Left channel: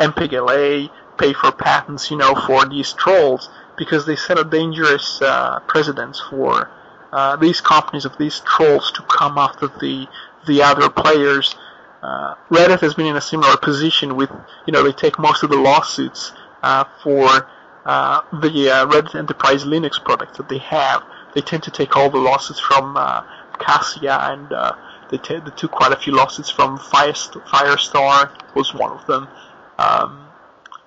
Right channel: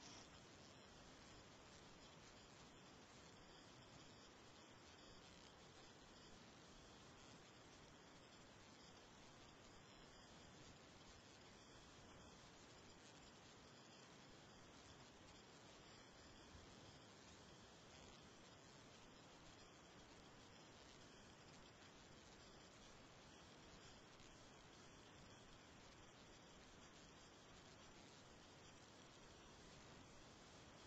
MPEG-LA, pay for patents, for these trolls, because they set a dangerous precedence for these companies of these trolls to come after the other players. Reddit has been in a similar position with, they take most of the lawsuits for the Reddit Enterprise Linux product that they have. They tend to take all the lawsuits from Cassia, and they took quite a few lawsuits from Firestar, was one of them.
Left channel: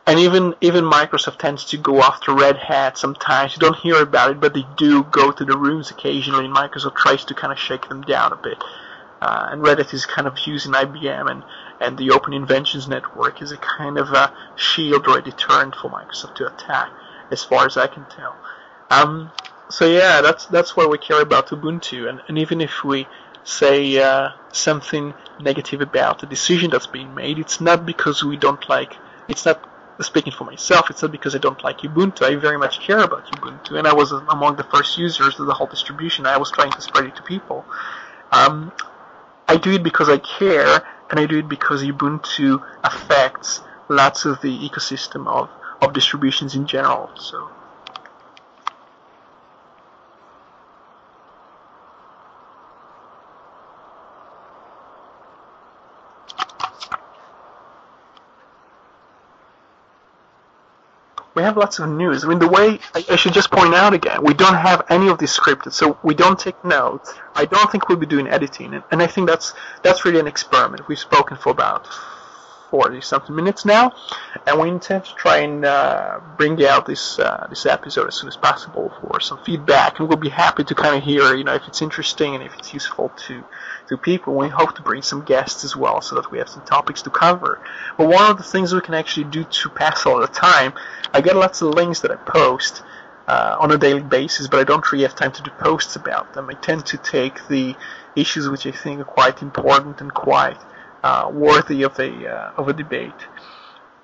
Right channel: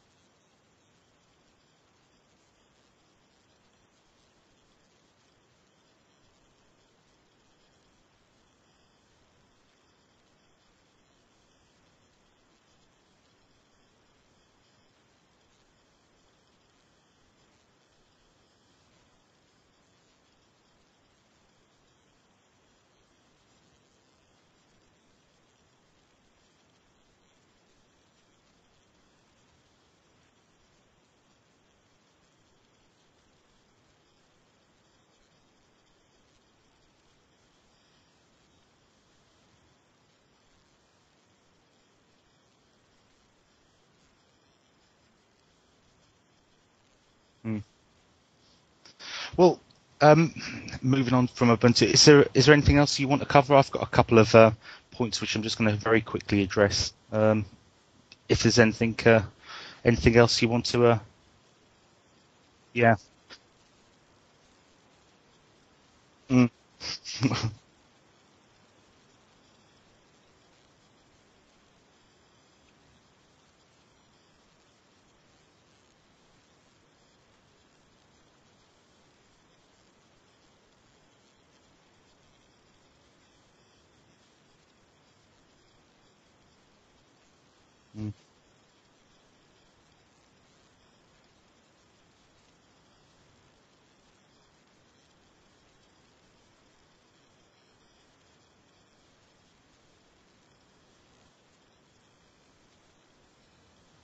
And even Microsoft tends to go after Red Hat sometimes. You don't hear about it, but they do go to the rooms occasionally, and Microsoft tries to kind of shake them down a bit. And Reddit is kind of using IBM and the Open Inventions Network as a kind of a shield or a deterrent for Microsoft to attack, as far as I can tell. So yeah, that's why we care about Ubuntu, and even if we say something negative about the decision that's being made, it's not because we don't like. It's not, speaking for myself, it's not because I don't like Ubuntu. I very much care about Ubuntu, and I was among the first users of the whole distribution. I was trying to spread it to people. I do it because I care, and I do it because Ubuntu affects lots of the ecosystem of distributions in general. So. Well, moving on from Ubuntu, is there anything else you want to cover? I've got a couple of points which I'm just going to very quickly address. If there's anything else you want to... We have lots of news. I mean, the way, I should just point out again, we don't have any of this scripted, so we don't take notes. I don't think we'll be doing editing, and I think that's really an experiment. We've spoken for about 40-something minutes now, and we intend to try and bring out this episode as soon as possible for some feedback, and we'll be happy to kind of hear, if it's interesting and if it's useful to people. We hope to bring some guests as well, so that we have some topics to cover. But one of the things we can actually do to pass all the time, I get lots of links that I post on a daily basis, but I don't really have time to do posts about them. I tend to take the issues which I think are quite important and quite worthy of a debate.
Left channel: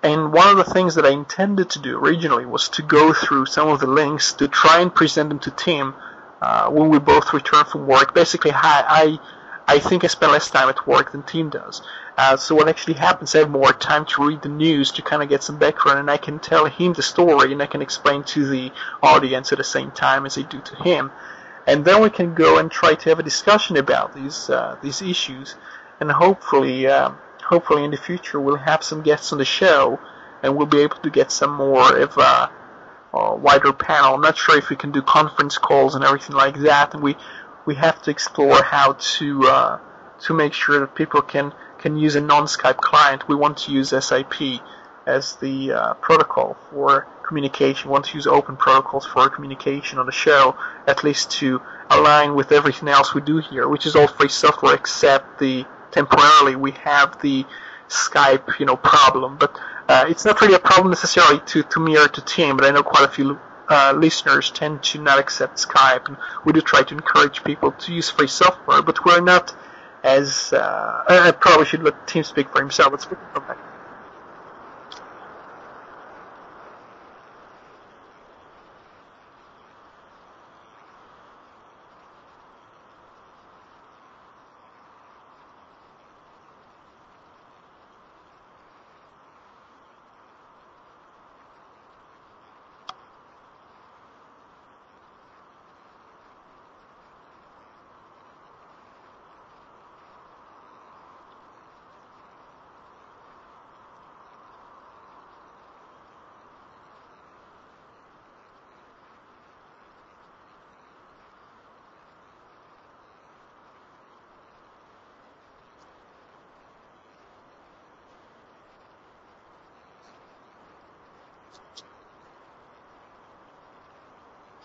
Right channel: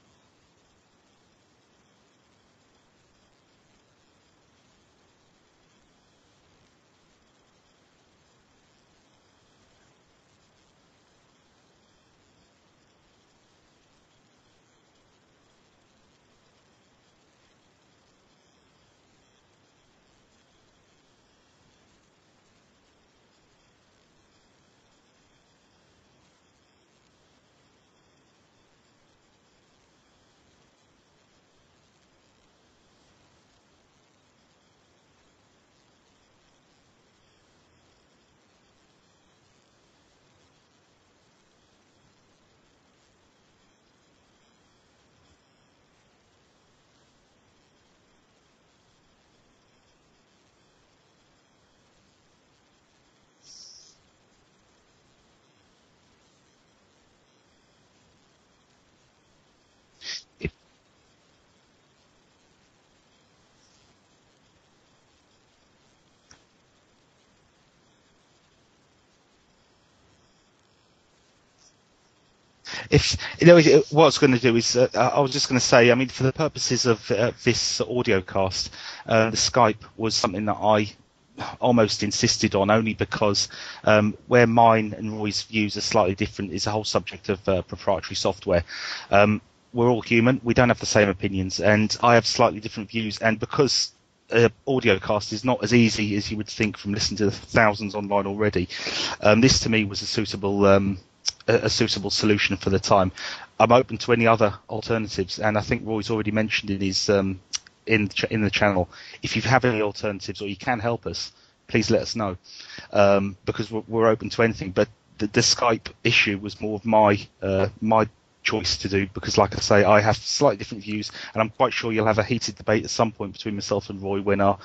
And one of the things that I intended to do originally was to go through some of the links to try and present them to Tim when we both return from work. Basically, I think I spend less time at work than Tim does. So what actually happens, I have more time to read the news, to kind of get some background, and I can tell him the story, and I can explain to the audience at the same time as I do to him. And then we can go and try to have a discussion about these issues, and hopefully in the future we'll have some guests on the show, and we'll be able to get some more of a wider panel. I'm not sure if we can do conference calls and everything like that, and we have to explore how to make sure that people can use a non-Skype client. We want to use SIP as the protocol for communication. We want to use open protocols for communication on the show, at least to align with everything else we do here, which is all free software except temporarily we have the Skype, problem. But it's not really a problem necessarily to me or to Tim, but I know quite a few listeners tend to not accept Skype, and we do try to encourage people to use free software, but we're not as... I probably should let Tim speak for himself. What I was going to do is, I was just going to say, I mean, for the purposes of this audiocast, the Skype was something that I almost insisted on, only because where mine and Roy's views are slightly different is the whole subject of proprietary software. We're all human, we don't have the same opinions, and I have slightly different views, and because audiocast is not as easy as you would think from listening to the thousands online already, this to me was a suitable solution for the time. I'm open to any other alternatives, and I think Roy's already mentioned in his in the channel, if you have any alternatives or you can help us, please let us know, because we're open to anything. But the Skype issue was more of my choice to do, because like I say, I have slightly different views, and I'm quite sure you'll have a heated debate at some point between myself and Roy when our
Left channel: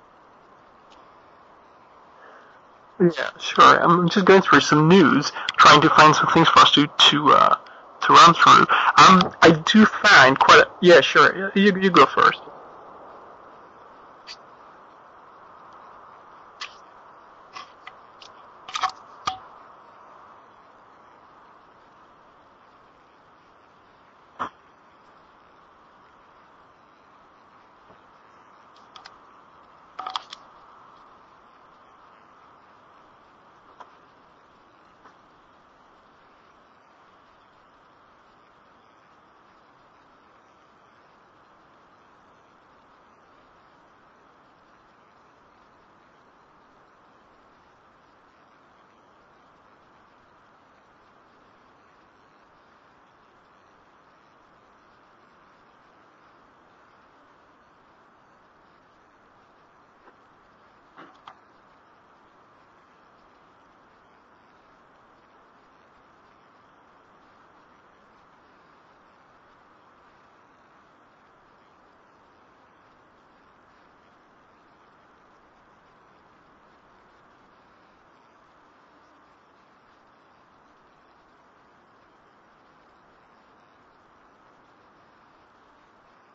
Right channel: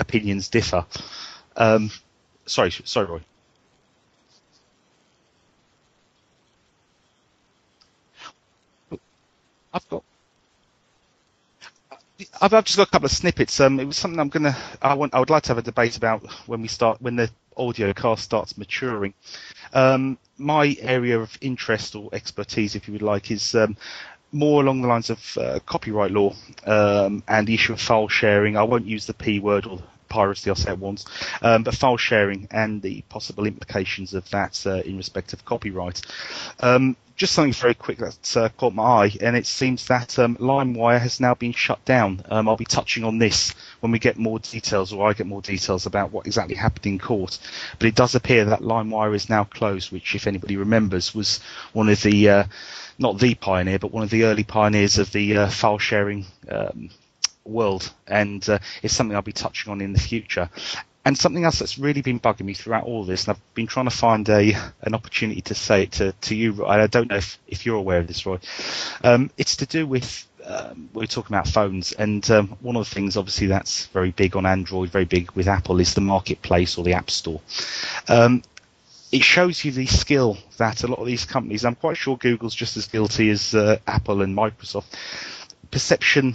opinions differ. Sorry. Yeah, sure. I'm just going through some news, trying to find some things for us to run through. I do find quite. Yeah, sure. You go first. I've just got a couple of snippets. It was something I would like to have a debate about when the audio cast starts maturing. My area of interest or expertise, if you would like, is more along the lines of copyright law and the issue of file sharing. I won't use the P word or piracy, I'll say it once, but file sharing and the possible implications of that in respect of copyright. just something very quick that's caught my eye, and it seems that LimeWire has now been shut down. I'll be touching on this when we get more details, or I get more details about what exactly happened in court. But it does appear that LimeWire is now closed, which, if anybody remembers, was one of the, not the pioneer, but one of the early pioneers of the file sharing world, and it's something I'll be touching on in the future. And something else that's really been bugging me throughout all of this, and I've been trying to find an opportunity to say it to you, Roy. I don't know if you're aware of this, Roy. It's to do with, we're talking about phones, and one of the things, obviously, that's very big on Android, very big with Apple, is the marketplace or the App Store. It shows you the skill that a lot of these companies, I'm quite sure Google's just as guilty as Apple and Microsoft, perception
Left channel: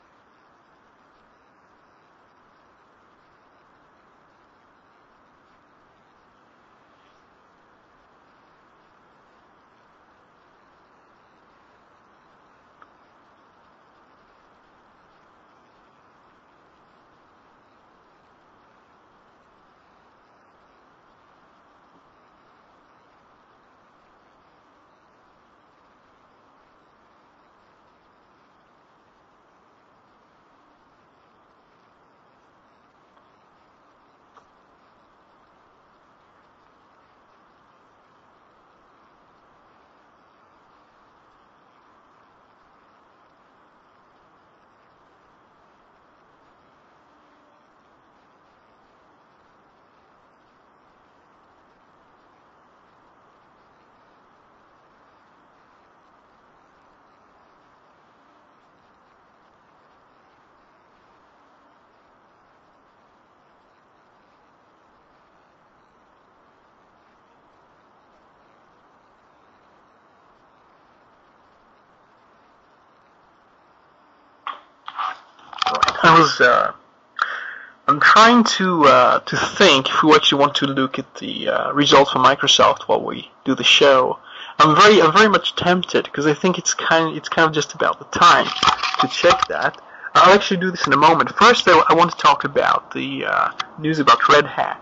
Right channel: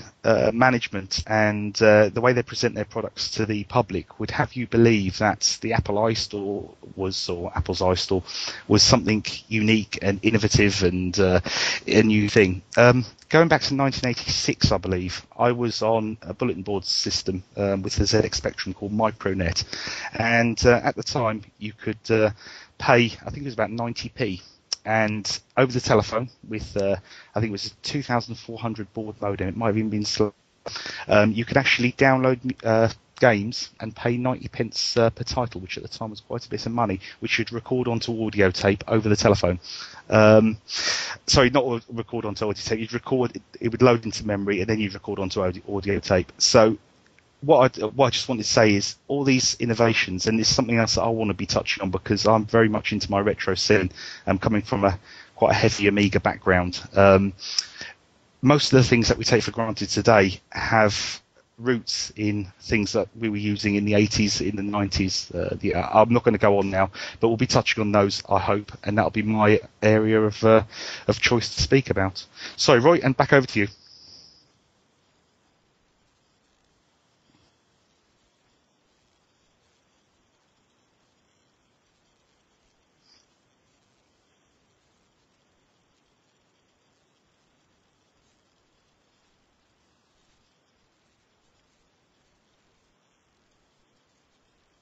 management and the way they present their products to the public would have you believe that the Apple iStore or Apple's iStore was something unique and innovative and a new thing. Going back to 1986, I believe, I was on a bulletin board system with the ZX Spectrum called Micronet, and at the time you could pay, I think it was about 90p, and over the telephone with, I think it was a 2400 baud modem, it might have even been slow, you could actually download games and pay 90 pence per title, which at the time was quite a bit of money, which you'd record onto audio tape over the telephone. Sorry, not record onto audio tape, you'd record, it would load into memory, and then you'd record onto audio tape. So what I just wanted to say is all these innovations, and it's something else that I want to be touching on because I'm very much into my retro scene. I'm coming from quite a heavy Amiga background. Most of the things that we take for granted today have roots in things that we were using in the 80s, in the 90s. I'm not going to go on now, but we'll be touching on those, I hope, and that'll be my area of choice to speak about. Sorry, Roy, and back over to you. I'm trying to think if we actually want to look at the results for Microsoft while we do the show. I'm very much tempted because I think it's kind of just about the time to check that. I'll actually do this in a moment. First, I want to talk about the news about Red Hat,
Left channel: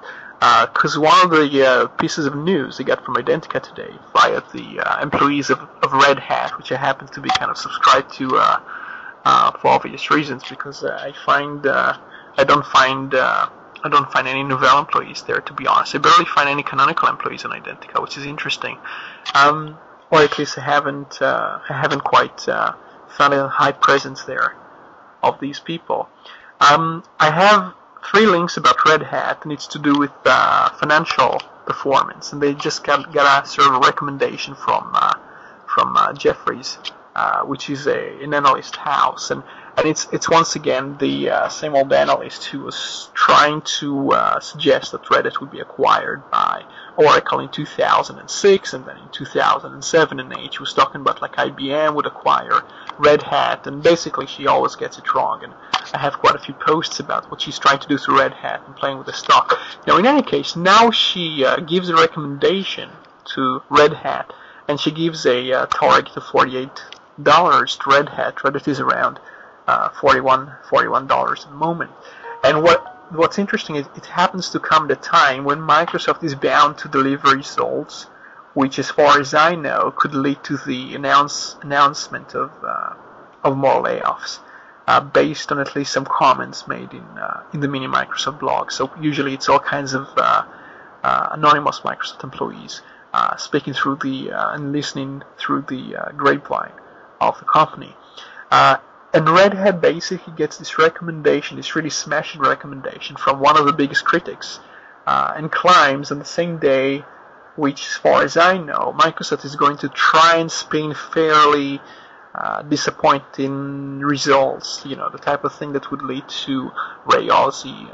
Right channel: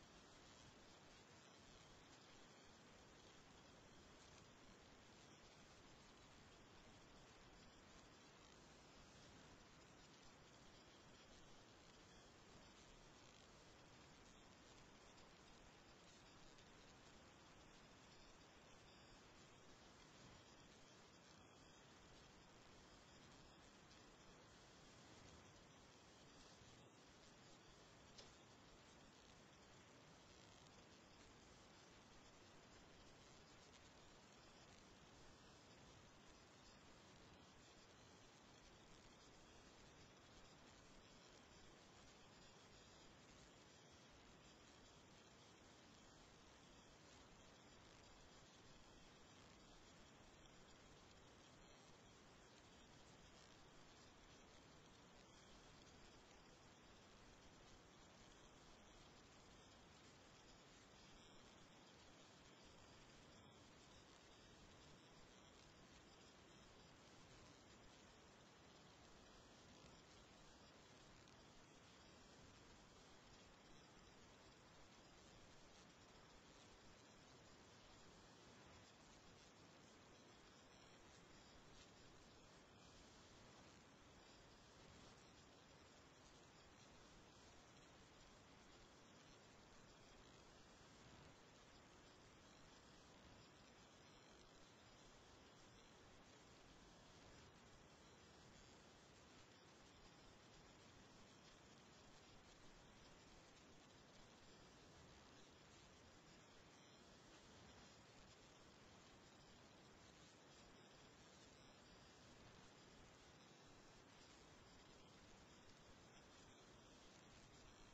because one of the pieces of news I got from Identica today via the employees of Red Hat, which I happen to be kind of subscribed to for obvious reasons, because I don't find any Novell employees there, to be honest. I barely find any canonical employees on Identica, which is interesting. Or at least I haven't quite found a high presence there of these people. I have 3 links about Red Hat, and it's to do with financial performance, and they just got a sort of recommendation from Jefferies, which is an analyst house, and it's once again the same old analyst who was trying to suggest that Red Hat would be acquired by Oracle in 2006, and then in 2007 and 8 she was talking about like IBM would acquire Red Hat, and basically she always gets it wrong, and I have quite a few posts about what she's trying to do to Red Hat and playing with the stock. Now in any case, now she gives a recommendation to Red Hat, and she gives a target of $48 to Red Hat. Red Hat is around $41 at the moment. And what's interesting is it happens to come at a time when Microsoft is bound to deliver results, which, as far as I know, could lead to the announcement of more layoffs, based on at least some comments made in the mini Microsoft blog. So usually it's all kinds of anonymous Microsoft employees speaking through and listening through the grapevine of the company. And Red Hat basically gets this recommendation, this really smashing recommendation from one of the biggest critics, and claims on the same day, which, as far as I know, Microsoft is going to try and spin fairly disappointing results. You know, the type of thing that would lead to Ray Ozzie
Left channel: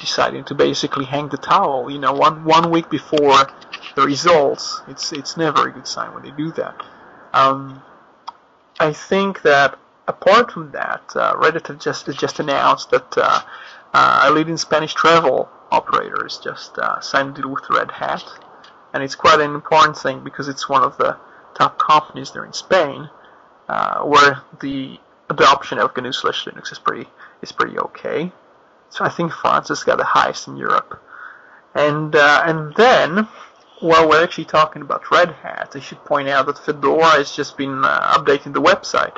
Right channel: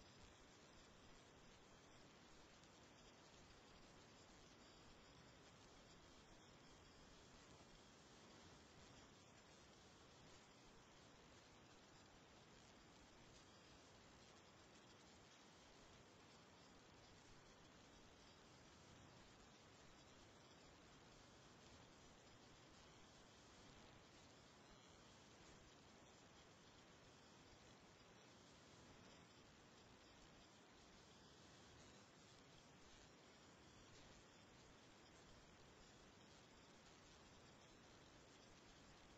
deciding to basically hang the towel. You know, one week before the results, it's never a good sign when they do that. I think that apart from that, Red Hat has just announced that a leading Spanish travel operator has just signed a deal with Red Hat, and it's quite an important thing because it's one of the top companies there in Spain, where the adoption of GNU/Linux is pretty okay. So I think France has got the highest in Europe, and then Well, we're actually talking about Red Hat. I should point out that Fedora has just been updating the website,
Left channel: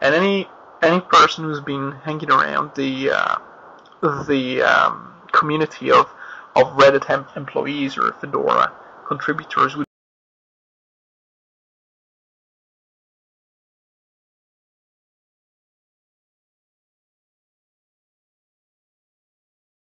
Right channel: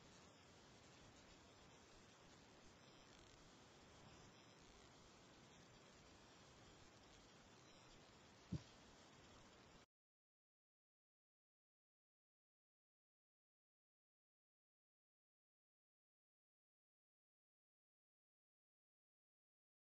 and any person who's been hanging around the community of Red Hat employees or Fedora contributors would